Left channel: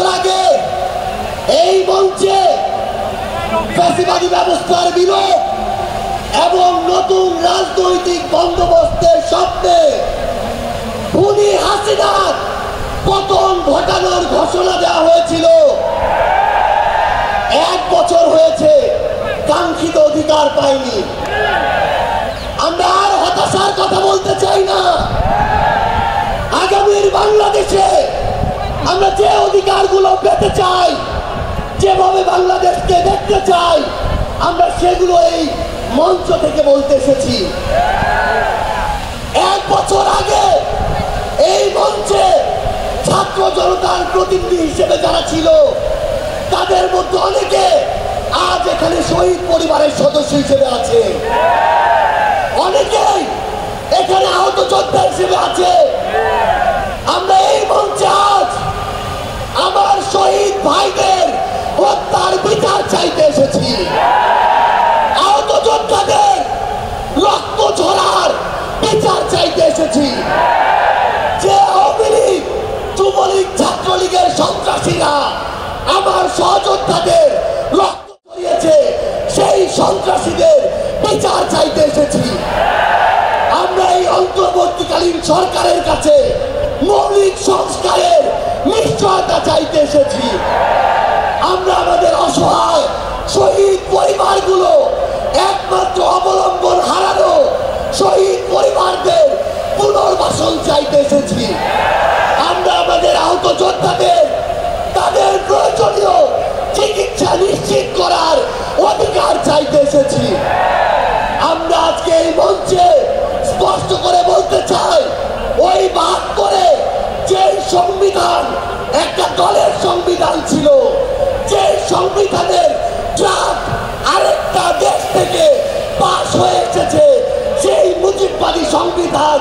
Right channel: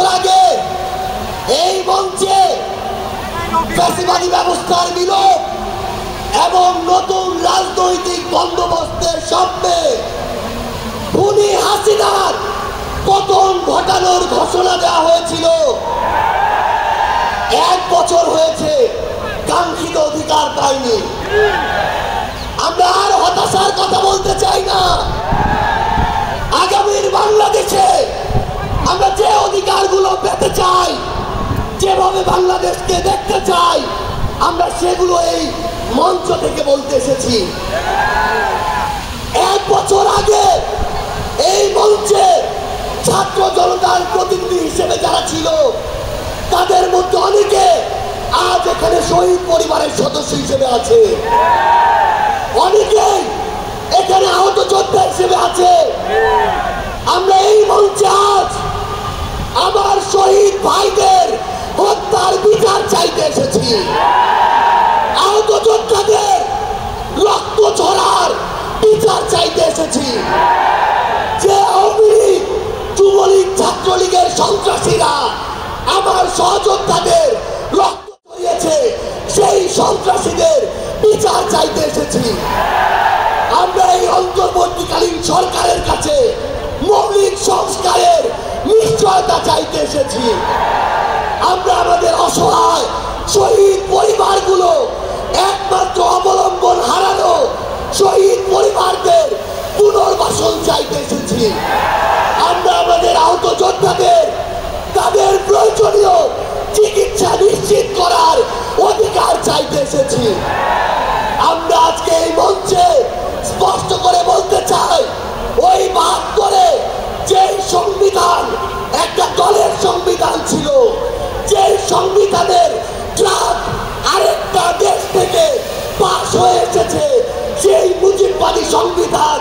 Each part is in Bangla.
বছর আগে এই মঞ্চে ফ্যাসিবাদী ব্যবস্থার বিলোপ এবং নতুন রাজনৈতিক বন্দোবস্তের স্বপ্নে খুনি হাসিনার পতন ঘটানোর ঘোষণা দেওয়া হয়েছিল। 1 বছর হয়েছে, কাঙ্ক্ষিত অধিকার পাইনি। আমরা আর হতাশার কথা বলতে চাই না। আগামীর বাংলাদেশে আমরা যে অধিকারগুলো পেতে চাই, যেভাবে বাংলাদেশকে দেখতে চাই, আমরা সেগুলো এই মঞ্চ থেকে বলতে এসেছি। 1 বছর আগে এই মঞ্চে ছাত্র জনতার প্রতিনিধি হিসেবে যারা ছিল, তাদের মধ্যে অনেকে আজ এখানে শহীদ পরিবারের সদস্য হিসেবে আছে, অনেকেই এখানে আহত যোদ্ধা হিসেবে আছে। আমরা এই মঞ্চে আজ আমার শহীদ ভাইদের হত্যার বিচার চাইতে এসেছি, আহত যোদ্ধাদের রক্ত ঝরার বিচার চাইতে এসেছি। যে আওয়ামী লীগ, যুবলীগ, ছাত্রলীগের সন্ত্রাসীরা আমার সহযোদ্ধাদের রক্ত ঝরিয়েছে, সেই সন্ত্রাসীদের বিচার চাইতে এসেছি। আমরা এই অন্তর্বর্তীকালীন সরকারের কাছে মৌলিক সংস্কারের নিশ্চয়তা চাইতে এসেছি। আমরা আমাদের অসহায় শহীদ পরিবারগুলো, একমাত্র অবলম্বন হারানো শহীদ পরিবারদের পুনর্বাসন চাইতে এসেছি। আমরা আমাদের আহত যোদ্ধাদের তাদের প্রয়োজনীয় চিকিৎসা নিশ্চিত করার অধিকার চাইতে এসেছি। আমরা আজকে এই মঞ্চে স্পষ্ট করে বলতে চাই, ওই 72-এ যে সংবিধান একটা দলের সংবিধান ছিল, যে সংবিধানের ড্রাফট আরেকটা দেশ থেকে পাশ হয়ে এসেছে, সেই মুজিববাদী সংবিধান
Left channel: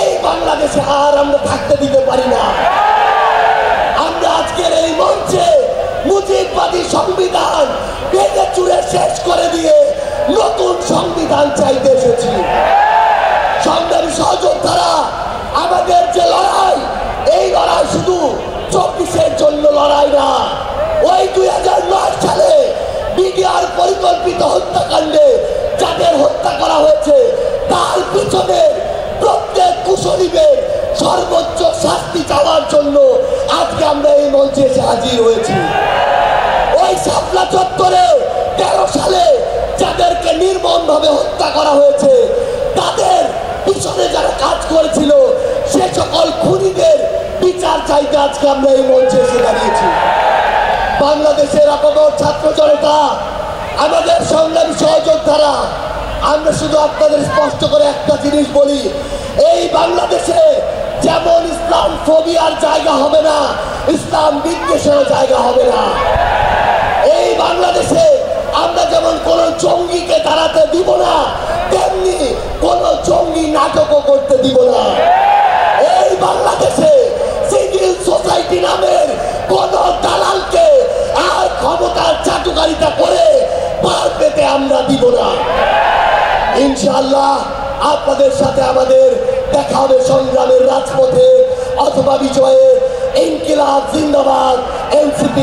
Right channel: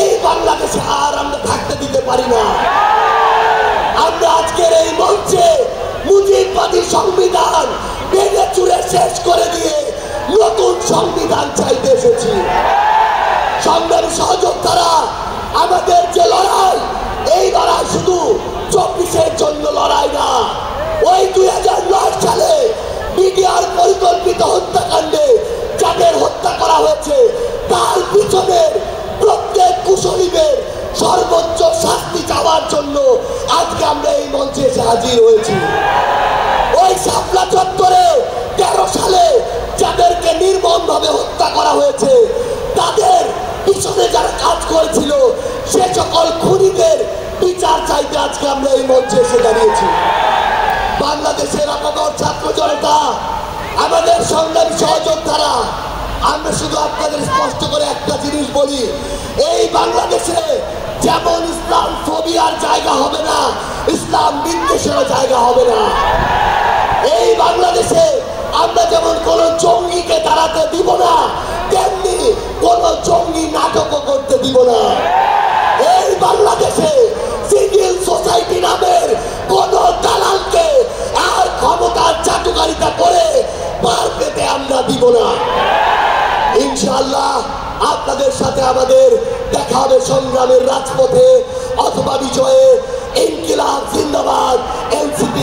এই বাংলাদেশে আর আমরা থাকতে দিতে পারি না। আমরা আজকের এই মঞ্চে মুজিববাদী সংবিধান ভেঙে চুরে শেষ করে দিয়ে নতুন সংবিধান চাইতে এসেছি। সংগ্রামী সহযোদ্ধারা, আমাদের যে লড়াই, এই লড়াই শুধু 24-এর জন্য লড়াই না। ওই 2009 সালে বিডিআর পরিকল্পিত হত্যাকাণ্ডে যাদের হত্যা করা হয়েছে, তার পিছনের প্রত্যেক কুশলীদের সর্বোচ্চ শাস্তি চাওয়ার জন্য আজকে আমরা এই মঞ্চে এসে হাজির হয়েছি। ওই শাপলা চত্বরে 13 সালে যাদেরকে নির্মমভাবে হত্যা করা হয়েছে, তাদের পিছনে যারা কাজ করেছিল, সে সকল খুনিদের বিচার চাইতে আজকে আমরা এই মঞ্চে এসে দাঁড়িয়েছি। বাংলাদেশের আপবর ছাত্র জনতা, আমাদের সংগ্রামী সহযোদ্ধারা, আমরা শুধু আপনাদের স্পষ্ট করে একটা জিনিস বলি, এই বাংলাদেশে যেমন ইসলাম ফোবিয়ার জায়গা হবে না, ইসলাম বিদ্বেষের জায়গা হবে না। এই বাংলাদেশে আমরা যেমন কোন জঙ্গিকে দাঁড়াতে দিব না, তেমনি কোন জঙ্গি নাটকও করতে দিব না। এই বাংলাদেশে সিভিল সোসাইটি নামের কোন দালালকে আর ক্ষমতার চাটুকারিতা করে পার পেতে আমরা দিব না। ইনশাআল্লাহ আপনাদের সাথে আমাদের দেখা হবে সংগ্রামের রাজপথে অথবা বিজয়ে। ইনকিলাব জিন্দাবাদ, এনসিপি